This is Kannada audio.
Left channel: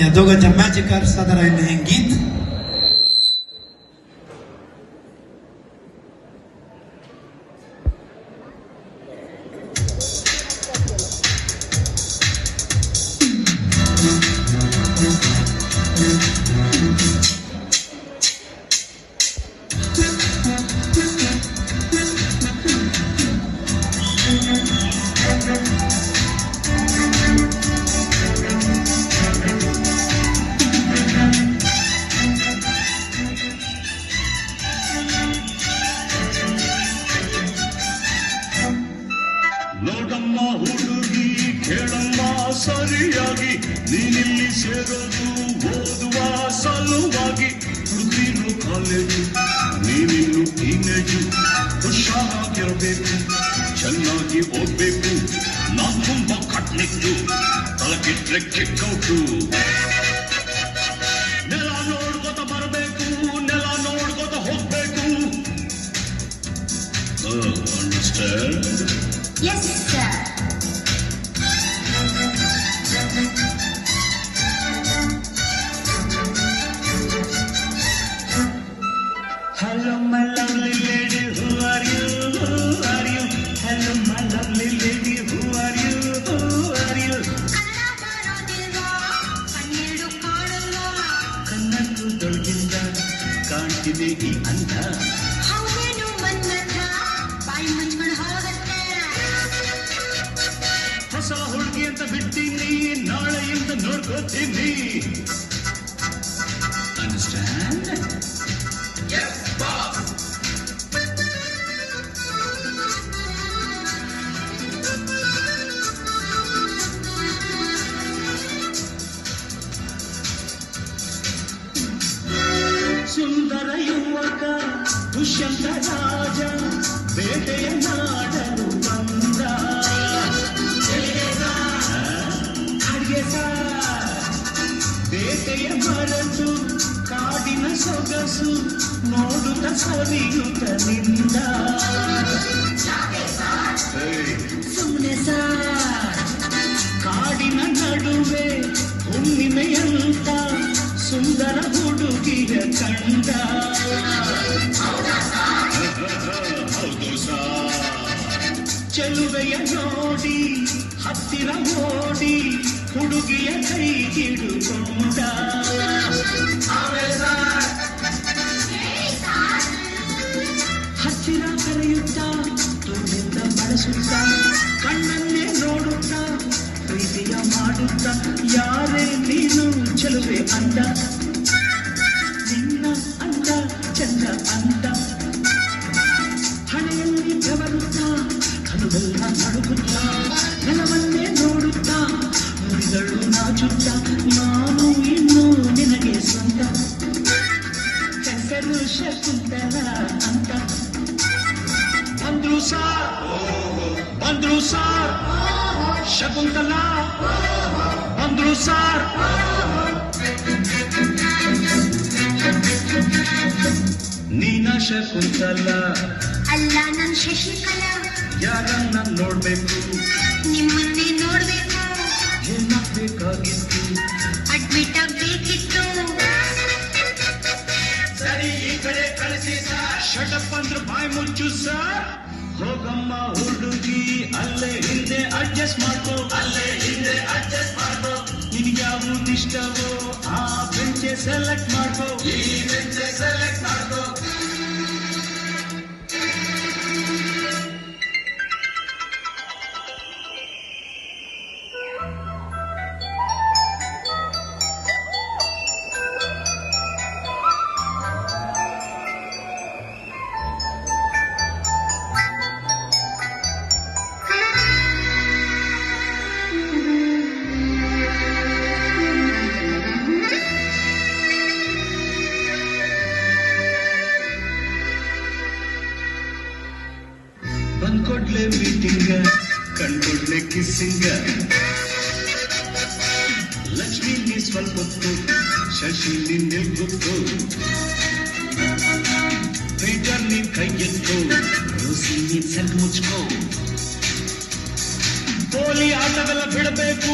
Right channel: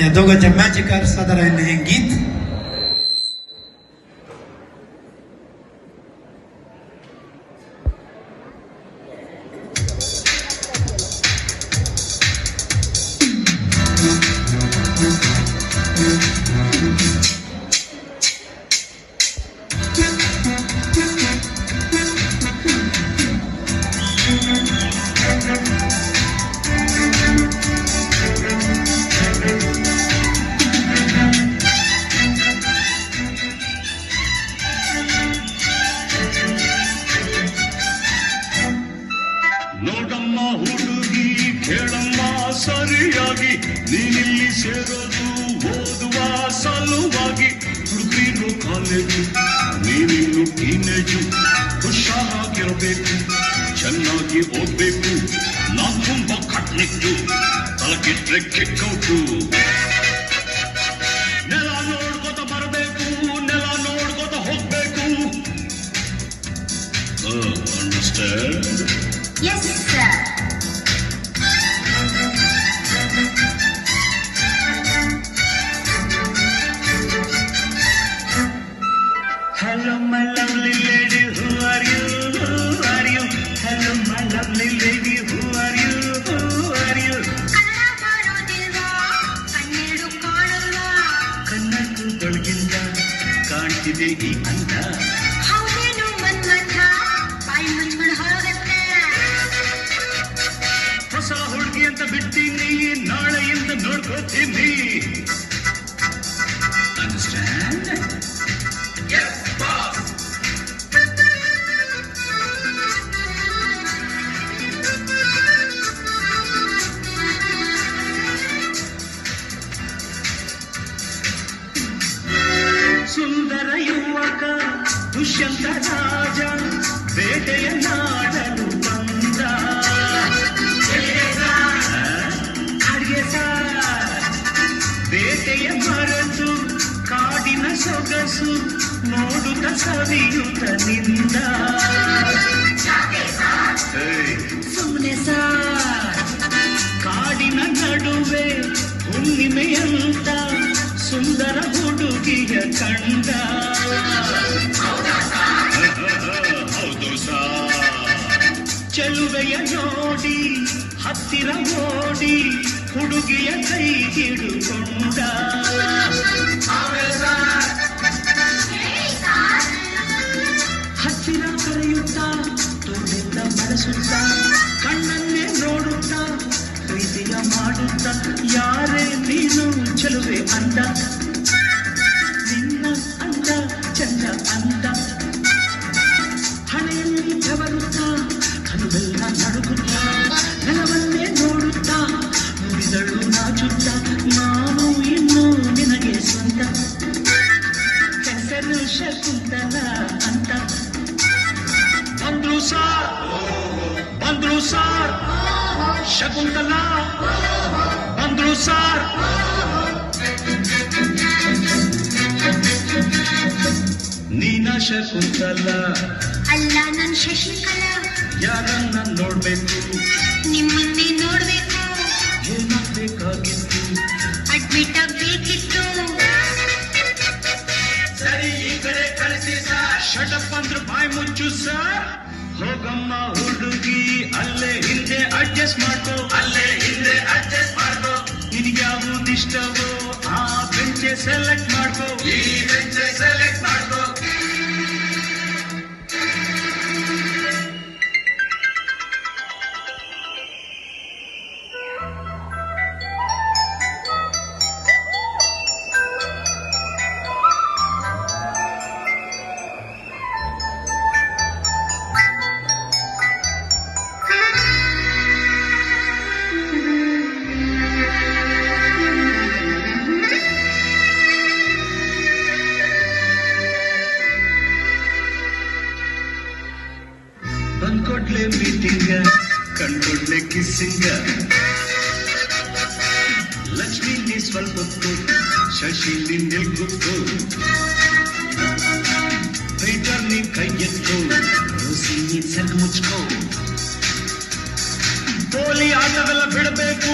या दोघं जमाजीकार सादर राहिले हे गीत. ನೋಡಮ್ಮ ಹುಡುಗಿ ಕೇಳಮ್ಮ ಸರಿಯಾಗಿ ನೀನಿಲ್ಲಿ ಸೇರೋದು ಓದುವ ಸಲುವಾಗಿ ಹುಡುಗಿರು ಕಾಲೇಜು ನೀನಿನ್ನು ಟೀನೇಜು ಹುಷಾರಾಗಿರಬೇಕು ಚೆನ್ನಾಗಿ ಓದ್ಬೇಕು ನಾನ್ ತುಂಬಾ ಕಟ್ನಿಟ್ಟು ತಲಕಿಟ್ರೆ ಕಿಕ್ಕೌಟು ನೆಲ ನೋಡ್ಕೋತ ಬರಬೇಕು ನೆಲ ನೋಡ್ಕೋತ ಹೋಗ್ಬೇಕು understand. Yes, sir. Hello, my lovely lady, who are you? Who are you? Hello, my lovely lady, who are you? Who are you? ಕನ್ನಡ ತೊಳಗಿಂದ ಕಾಣ್ತಿದೆ ಈ ಅಂದ. ಹೊಸ ಹುಡುಗಿ ಅಂತ ಬಿಡ್ತೀನಿ ನಾಳೆಯಿಂದ ನೋಡ್ಕೋತೀನಿ. ಅಂಡರ್ಸ್ಟ್ಯಾಂಡ್? Yes, boss. ಸುಂದರ ಯುವಕ ದುಷ್ಯಂತ ರಾಜ ಬೇಟೆಯ ನಾಡಲು ಬಂದ. ಬೇಟೆಯ ಮರೆತು ಕಾಡಿನ ಸೊಗಸು ನೋಡುತ್ತ ಸವಿಯುತ್ತ ನಿಂದ. ಸುಮ್ಮನೆ ಕಾಡಿನ ನಡುವೆ ಹುಣ್ಣಿಮೆಯಂತ ಸುಂದರ ಹುಡುಗಿಯ ಕಂಡ. ಹೌದು ಚೆಲುವೆಯ ನೋಡಿ ಹತ್ತಿರ ಓಡಿ ಹುಡುಗಿಯ ಕೈ ಹಿಡಿದುಕೊಂಡ. ಹತ್ತಿರ ಕರೆಯುತ್ತ ತುಳಿತ ಬಳಸುತ್ತ ಕಣ್ಣನ್ನೇ ನೋಡುತ್ತ ಪ್ರೀತಿಯ ಮಾಡುತ್ತ ಯಾರೇ ನೀನು ಚೆಲುವೆ ಅಂದ. ನಿನ್ನ ಅಂದ ಚಂದ ಅಂದ ಹಣೆಯಲ್ಲಿ ಬೆವರುತ್ತ ಕನುವೆಲ್ಲ ನಡುಗುತ್ತ ನೆಲವನ್ನೇ ನೋಡುತ್ತ ನುಡಿದಳು ನಾಚುತ್ತ ನಾನು ಇನ್ನು ನಿನಗೆ ಸ್ವಂತ. ಹೆಸರು ಶಕುಂತಲ ಅಂತ. ಬಂದ್ರು ಸಾರ್ ಶಕುಂತಲ ಬಂದ್ರು ಸಾರ್. ನೀನ ಶಕುಂತಲ ಅಲ್ಲ ನನ್ ಶಶಿಕಲಾ. ಯಾರನ್ನ ನೋಡ್ಬೇಕು ನಿಮ್ಮನ್ನೇ ನೋಡ್ಬೇಕು. ಬೇಕಾಗಿತ್ತು ಅಡ್ಮಿಟ್ ಆಗ್ಬೇಕಿತ್ತು. ಸರಿ ಈ ಕಡೆ ಕಳಿಸಿ ಶಟಪ್ ಅಂದ್ರೆ ಬಾಯ್ ಮುಚ್ಚು ಸರ್. ಹೋಗಮ್ಮ ಹುಡುಗಿ ಅಲ್ಲೇ ಹಿಂದೆ ಅಡ್ಜಸ್ಟ್ ಮಾಡ್ಕೋ ಅಲ್ಲೇ ಹಿಂದೆ ಅಡ್ಜಸ್ಟ್ ಮಾಡ್ಕೋ. ನಿನಗ್ಯಾವುದಿಷ್ಟವೋ ಆ ಬೆಂಚೆ ಸೆಲೆಕ್ಟ್ ಮಾಡ್ಕೋ ಈ ಬೆಂಚೆ ಸೆಲೆಕ್ಟ್ ಮಾಡ್ಕೋ. ಬಂದ್ಕೊಡ್ಲೆ ಮೀಟಿಂಗ್ ಕಂಡ್ಕೊಡ್ಲೆ ಕಿಸ್ಸಿಂಗ. ಲಕ್ಷ್ಮಿ ನೀ ಸ್ವಲ್ಪ ಹೊತ್ತು ಶಶಿ ನಿನ್ನೆ ಗೊತ್ತು. ರೈಟರ್ ನೀ ಕೈ ಎತ್ತು ರೋಸಿ ನೀ ಸಣ್ಣ ಮುಚ್ಕೋ. ಗೋಲಿ ಆಟವೆಲ್ಲ ಬಿಡಬೇಕು